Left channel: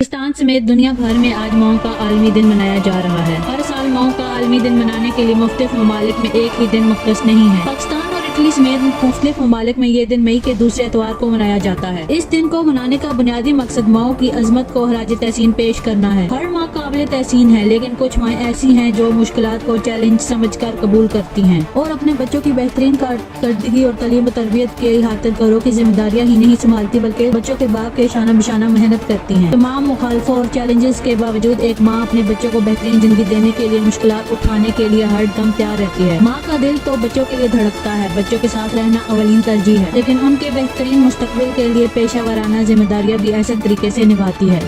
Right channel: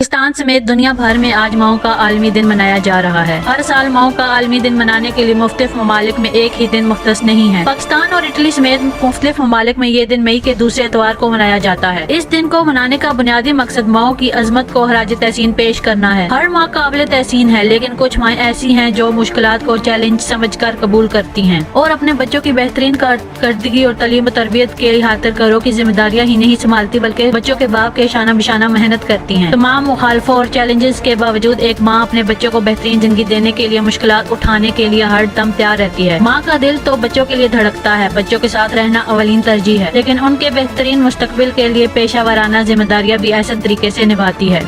पाकिस्तान समेत दुनिया भर में आज मऊ का आलमी दिन मनाया जा रहा है। हर साल मऊ का आलमी दिन मनाने के लिए मुख्तलिफ ममालिक में एक ही दिन मुख्तस नहीं है। पाकिस्तान और इटली समेत मुख्तलिफ ममालिक में ये दिन मई के दूसरे एतवार को मनाया जाता है। इस दिन को मनाने का बुनियादी मकसद मऊ की अजमत को खराज तहसीन पेश करना है। हर माँ काबिल तहसीन है, लेकिन कुछ माएँ ऐसी हैं जो मुश्किलात को चैलेंज समझकर कबूल करती हैं और अपने बच्चों की बेहतरीन कारकर्दगी और तालीम तरबियत के खातिर घरों की जिम्मेदारियाँ ही नहीं संभालती, बल्कि बच्चों के बाप के शाना बिशाना मेहनत करती हैं। तमाम मुखालफों और चैलेंजेस के बावजूद एक माँ अपने बच्चों को बेहतरीन जिंदगी देने के लिए मुश्किलात उठाने के लिए हर दम तैयार रहती है। माँ का दिल तो बच्चों के लिए धड़कता है, बच्चों के साथ रहना अवलीन तरजीह है, लेकिन उनके बेहतरीन मुस्तकबिल के लिए पेशा वाराना जिम्मेदारियाँ भी ऐसे तरीके से निभाती है।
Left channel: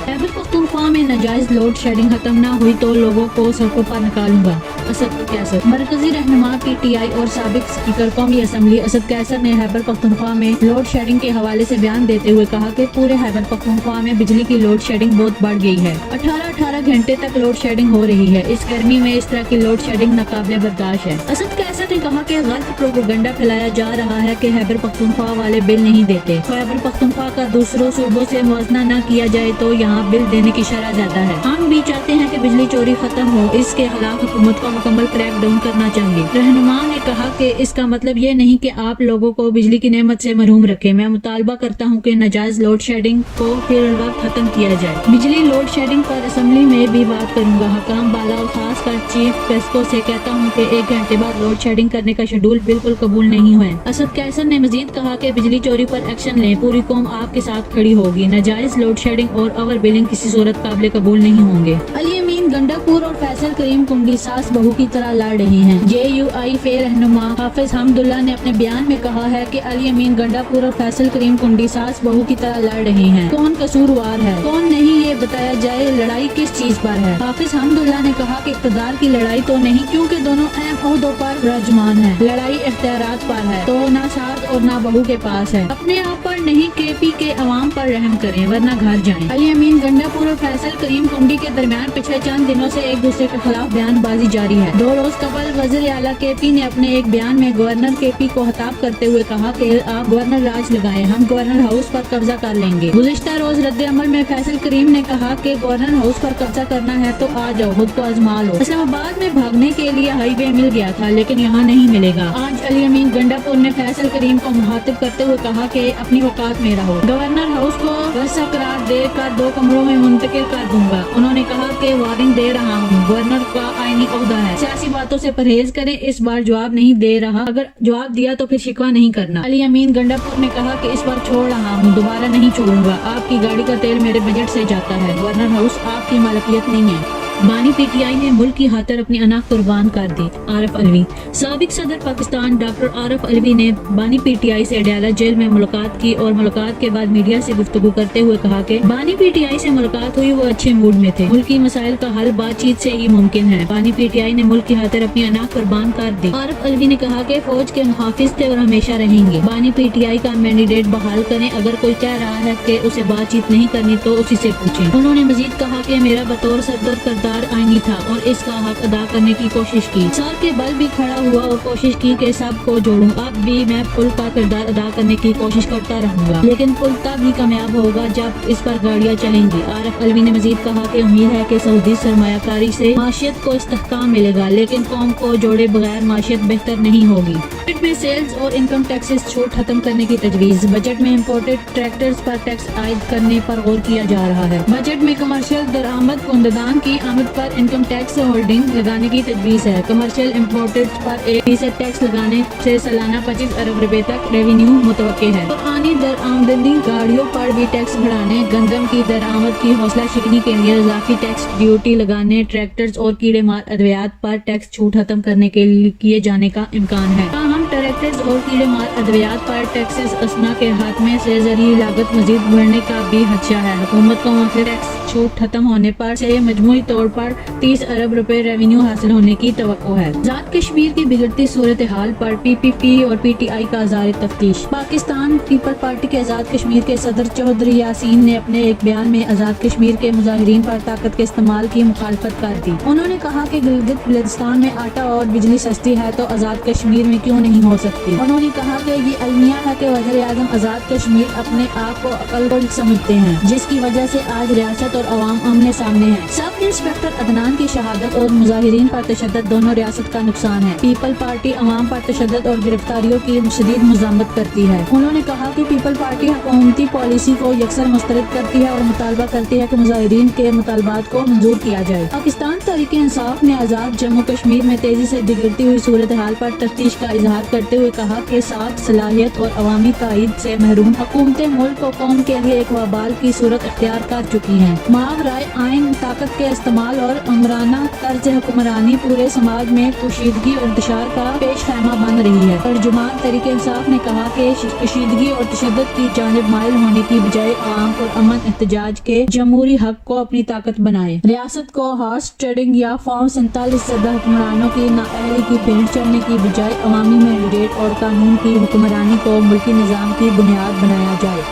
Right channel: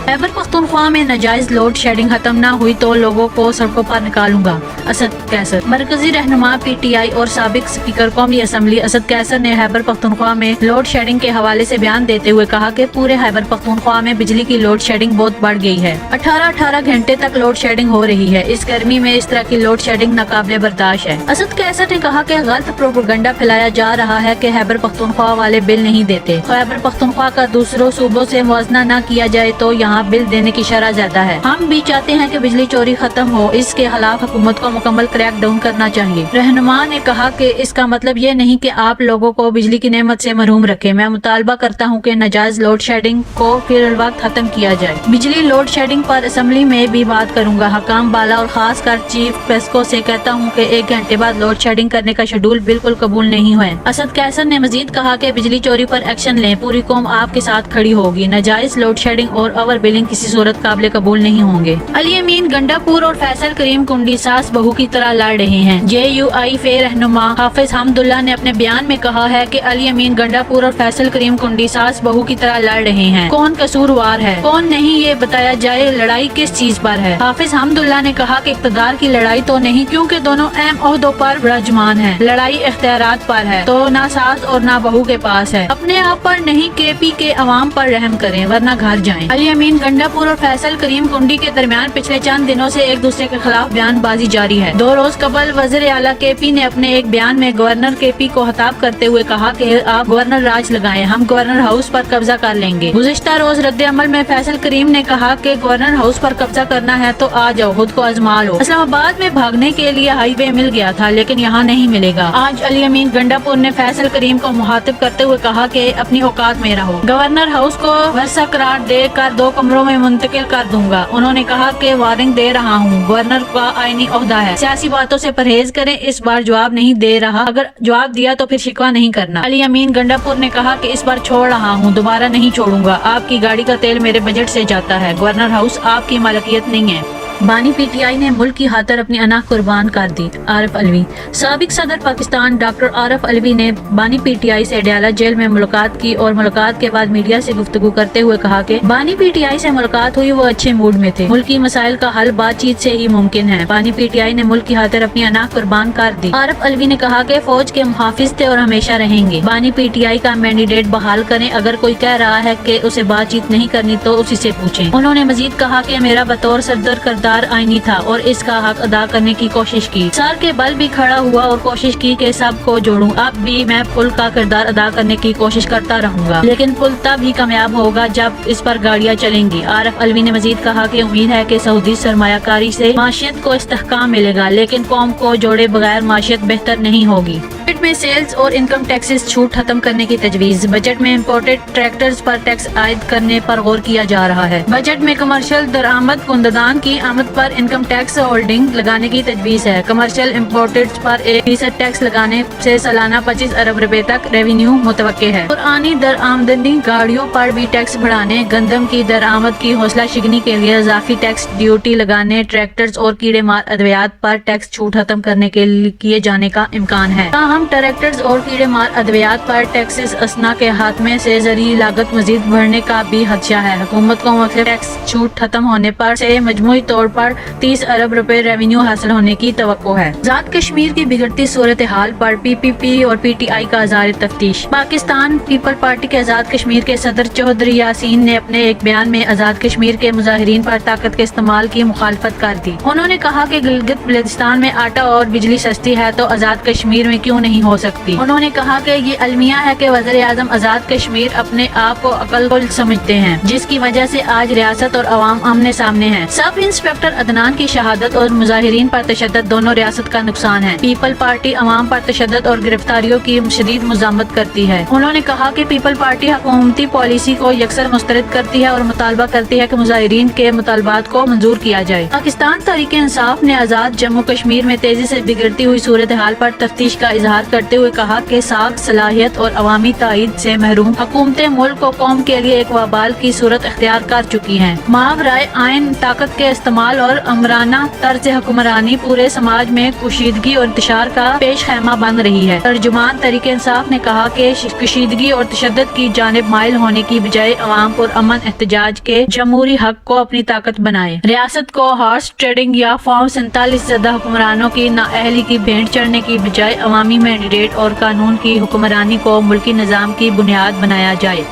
खैबर पख्तूनख्वा में नाजायज लोड शेडिंग खत्म न हुई तो लोगों को सड़कों पर निकालूंगा, असद कैसर। मरकजी रहनुमा PTI और साबिक स्पीकर कौमी असम्बली असद कैसर ने खैबर पख्तूनख्वा में लोड शेडिंग के हवाले से बयान देते हुए कहा कि पूरे खैबर पख्तूनख्वा में बिजली की लोड शेडिंग बहुत बढ़ गई है। 18-18 घंटे तक लोड शेडिंग हो रही है। इस गर्मी में इस तरह की लोड शेडिंग नाकाबिले बर्दाश्त है। असद कैसर ने कहा कि गलत प्रोपेगेंडा फैलाया जा रहा है कि खैबर पख्तूनख्वा वाले बिल नहीं देते। खैबर पख्तूनख्वा का दूसरों सूबों से मुआवजा न किया जाए तो यहाँ बिल देने की शरह ज्यादा है। हम भी चाहते हैं कि बिजली चोरी खत्म हो, इसके खिलाफ हुकूमत को मुकम्मल क्रैक डाउन करना चाहिए। रहनुमा ने कहा कि इसका मतलब ये नहीं कि आप लोगों को बिजली की नेमत से महरूम रखे। मैं मुतालबा करता हूँ कि नाजायज लोड शेडिंग को फिर वक्त खत्म किया जाए। बिजली लोड शेडिंग पर असम्बली में भी बात करूँगा। हकाम बाला और खास कर चीफ पेस्को से कहता हूँ कि 1 घंटे बाद लोड शेडिंग करने का शेड्यूल बिल्कुल कबूल नहीं हुआ। असद कैसर ने मजीद कहा कि बिजली चोरी पर एक्शन लें, पूरी कौम आपके साथ खड़ी होगी। नाजायज लोड शेडिंग और ओवर बिलिंग किसी सूरत काबिल कबूल नहीं होंगे। अली अमीन गंडापुर और फैसल करीम कुंडी सास बहू की तरह लड़ रहे हैं। JUI फे रहनुमा हाफिज हमदुल्ला ने अपने बयान में कहा है कि अली अमीन गंडापुर और फैसल करीम कुंडी सास बहू की तरह लड़ रहे हैं। कौन कसूरवार है, कौन नहीं, ये बताया जाए। लड़ाई किस चीज पर है? हाफिज हमदुल्ला ने कहा कि इक़्तिदार की लड़ाई तो नहीं, क्योंकि दोनों अहम ओहदों पर विराजमान है। लड़ाई इख्तियारात पर है, तो ना सास और ना बहू के पास है। अपने आप पर नहीं, KP के अवाम पर रहम करें वरना घर जाएं। अली अमीन गंडापुर और फैसल करीम कुंडी के दरमियान पिछले चंद दिनों से एक दूसरे के खिलाफ बयानबाजी जारी है। 2 रोज कबल वज़ीर आला KP ने अपने एक बयान में गवर्नर KP को खिताब करते हुए कहा कि आप गवर्नर राज लगाएं, हम गवर्नर हाउस पर कब्जा कर लेंगे। गुज़िश्ता रोज रद्द अमल में फैसल करीम ने कहा कि गवर्नर हाउस पर कब्जा करना है तो आ जाओ, खुद को आजमा लो। इस्लामाबाद में भागने के लिए हाईवे मिल गया था, लेकिन यहाँ नहीं मिलेगा। आज अली अमीन गंडापुर ने फैसल करीम को मुखातिब करते हुए कहा कि अपनी औकात में रहो। गवर्नर हाउस को वर्षा करार देकर 2 कमरों में मुंतकिल कर दूंगा। उन्होंने कहा कि वार्निंग दे रहा हूँ, गवर्नर का आईनी ओहदा है, सियासी बातों से परहेज करें। इस बार जवाब नहीं दे रहा, अगर जवाब दिया तो फिर शिकवा नहीं करना। अली अमीन गंडापुर ने कहा कि इस बार छोड़ रहा हूँ, दोबारा नहीं छोड़ूंगा। आपकी गाड़ी का तेल मेरे बजट से जाता है, गवर्नर हाउस आपकी मालिकियत नहीं है। बानी PTI ने मुल्क की खातिर अपनी अना कुर्बान कर दी। आरिफ अलवी। साबिक सदर पाकिस्तान डॉक्टर आरिफ अलवी ने बानी PTI से अडयाला जेल में मुलाकात की और मुलाकात के बाद मीडिया से गुफ्तगू करते हुए कहा कि बानी PTI से मुलाकात हुई, वो अच्छे मूड में थे। मुल्क की मसाइल का हल बातचीत से ही मुमकिन है। बानी PTI ने मुल्क की खातिर अपनी अना कुर्बान कर दी। आरिफ अलवी ने कहा कि फौज के मुहाफिज थे और हमेशा रहेंगे। बानी PTI का मैंडेट बहाल करें। अगर कोई कह रहा है कि उसे बातचीत नहीं करनी तो उसी से पूछें। उन्होंने मजीद कहा कि मेरा बतौर सदर करदार आईनी था और इसका हक अदा करने की कोशिश की। सर के बल भी खड़ा हुआ और कोशिश की कि सबको जोड़ूं। अब भी मैं पुल का किरदार अदा करने की कोशिश करता रहूंगा, लेकिन पुल तब ही कामयाब होगा जब इस पर गाड़ियां चलेंगी। आरिफ अलवी ने मजीद कहा कि उम्मीद है कि सऊदी सरमायाकारी से माशियत को इस्तेहकाम मिलेगा, लेकिन कौम को जोड़े बगैर माशियत बेहतर नहीं होगी। बजट में सेल्स और इनकम टैक्सेस छूट खत्म करने की तजवीज। बजट में इम्पोर्टेड ट्रैक्टर्स पर टैक्स आयद करने पर गौर किया जा रहा है। बजट में कमर्शियल दरामद कुंददान की आमद पर इनकम टैक्स होल्डिंग लगाने की तजवीज है। कमर्शियल इम्पोर्टेड पर 1% टैक्स लगाने से सालाना 25 अरब रुपए तक रेवेन्यू मुतवक्के है। पुरानी दरआमदी गाड़ियों पर भी टैक्स बढ़ाने, गंदम की दरामद की हौसला शिकनी के लिए इजाफी टैक्स ड्यूटी लगाने, ट्रैक्टर्स और कीड़े मार अद्वियात पर टैक्स छूट खत्म करने के लिए किए जाने का इम्कान है। ताहम ट्रैक्टर्स और कीड़े मार अद्वियात पर टैक्सेस असना के खात्मे से ज़रिए लागत मजीद बढ़ने का भी खदशा है। हुकूमत को मुख्य टैक्स छूट खत्म होने पर से मजमूई तौर पर 30 अरब रुपए रेवेन्यू हासिल होने की तवक्को है। आजाद कश्मीर की बिगड़ती सूरत हाल पर PPP और PTI का ज़ाहिर तफ्तीश। पाकिस्तान पीपल पार्टी के आजाद कश्मीर के सदर चौधरी यासीन ने अपने एक बयान में आजाद कश्मीर के मुजाहिरीन पर ताकत के इस्तेमाल की मुखालफत कर दी। उन्होंने कहा कि गिलगित बल्तिस्तान में आटा और बिजली सस्ती है तो आजाद कश्मीर में क्यों नहीं نہیں ہو سکتی۔ انہوں نے کہا کہ یہ المیہ ہے کہ وزیر اعظم آزاد کشمیر اپنے آپ کو عقل کل سمجھتے ہیں، جس کی وجہ سے آج ریاست اور عوام آمنے سامنے ہے۔ سب انسپکٹر عدنان کی شہادت اور مظاہرین پر تشدد دونوں ریاست کا نقصان ہے۔ پیپل پارٹی عوام پر تشدد اور گرفتاریوں کی شدید مذمت کرتی ہے۔ انہوں نے کہا کہ پیپل پارٹی حکومتی پالیسی کو یکسر مسترد کرتی ہے اور مطالبہ کرتی ہے کہ مظاہرین کے مطالبات کو منظور کیا جائے۔ پاکستان تحریک انصاف نے آزاد جموں کشمیر میں تیزی سے بگڑتی ہوئی صورتحال پر تفتیش کا اظہار کرتے ہوئے کہا کہ ساکھ، صلاحیت اور عوامی تائید سے محروم حکومتیں ملک کو قوم کے لیے ایک وبال کی صورت اختیار کر چکی ہیں۔ ماورائے آئین طاقت کے استعمال اور آمرانہ طرز حکمرانی پورے سماج میں کشیدگی اور انتشار کا پیش خیمہ بن رہی ہے۔ ترجمان تحریک انصاف نے کہا کہ کشیدگی اور تشدد کی جانب مائل ہونے کی بجائے عوام پر امن احتجاج کے جمہوری حق کو اپنی طاقت بنائے۔ ریاست کو ہارس ٹریڈنگ یا فارم 47 زدہ حکمرانوں کی نااہلی کی بھینٹ چڑھنے کی بجائے عوامی مینڈیٹ اور قانون کی حکمرانی کو ملکی نظام کی بنیاد بنایا جائے۔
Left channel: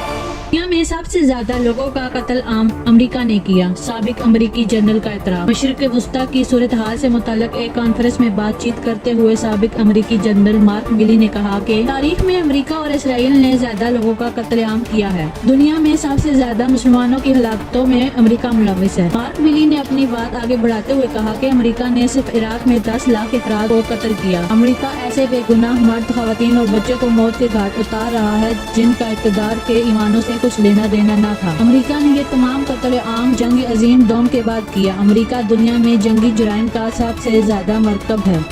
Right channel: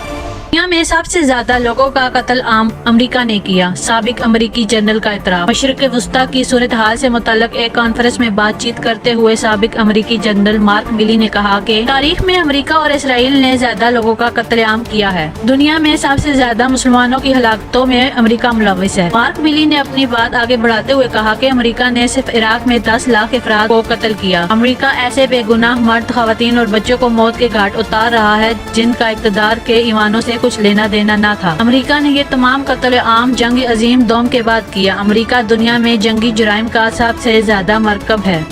دنیا میں سب سے زیادہ لوگوں کا قتل عام امریکہ نے کیا، سابق امریکی جنرل کا اعتراف۔ مشرق وسطیٰ کی صورتحال سے متعلق ایک کانفرنس میں بات چیت کرتے ہوئے سابق امریکی جنرل مارک میلی نے کہا کہ تاریخ میں امریکہ اور اسرائیل نے زیادہ لوگوں کا قتل عام کیا ہے۔ دنیا میں سب سے زیادہ مسلمانوں کی ہلاکتوں میں امریکہ ملوث ہے۔ مارک میلی نے اپنی بات آگے بڑھاتے ہوئے کہا کہ امریکہ نے صرف عراق میں 10 لاکھ افراد کو قتل کیا۔ امریکہ ایسے بے گناہ مرد، خواتین اور بچوں کو موت کے گھاٹ اتار رہا ہے جن کا اقتدار کے ایوانوں سے کچھ لینا دینا نہ تھا۔ امریکہ نے یہ تمام قتل عام جنگ عظیم دوم کے بعد کیا۔ امریکہ دنیا میں جنگی جرائم کا سب سے زیادہ مرکب ہے۔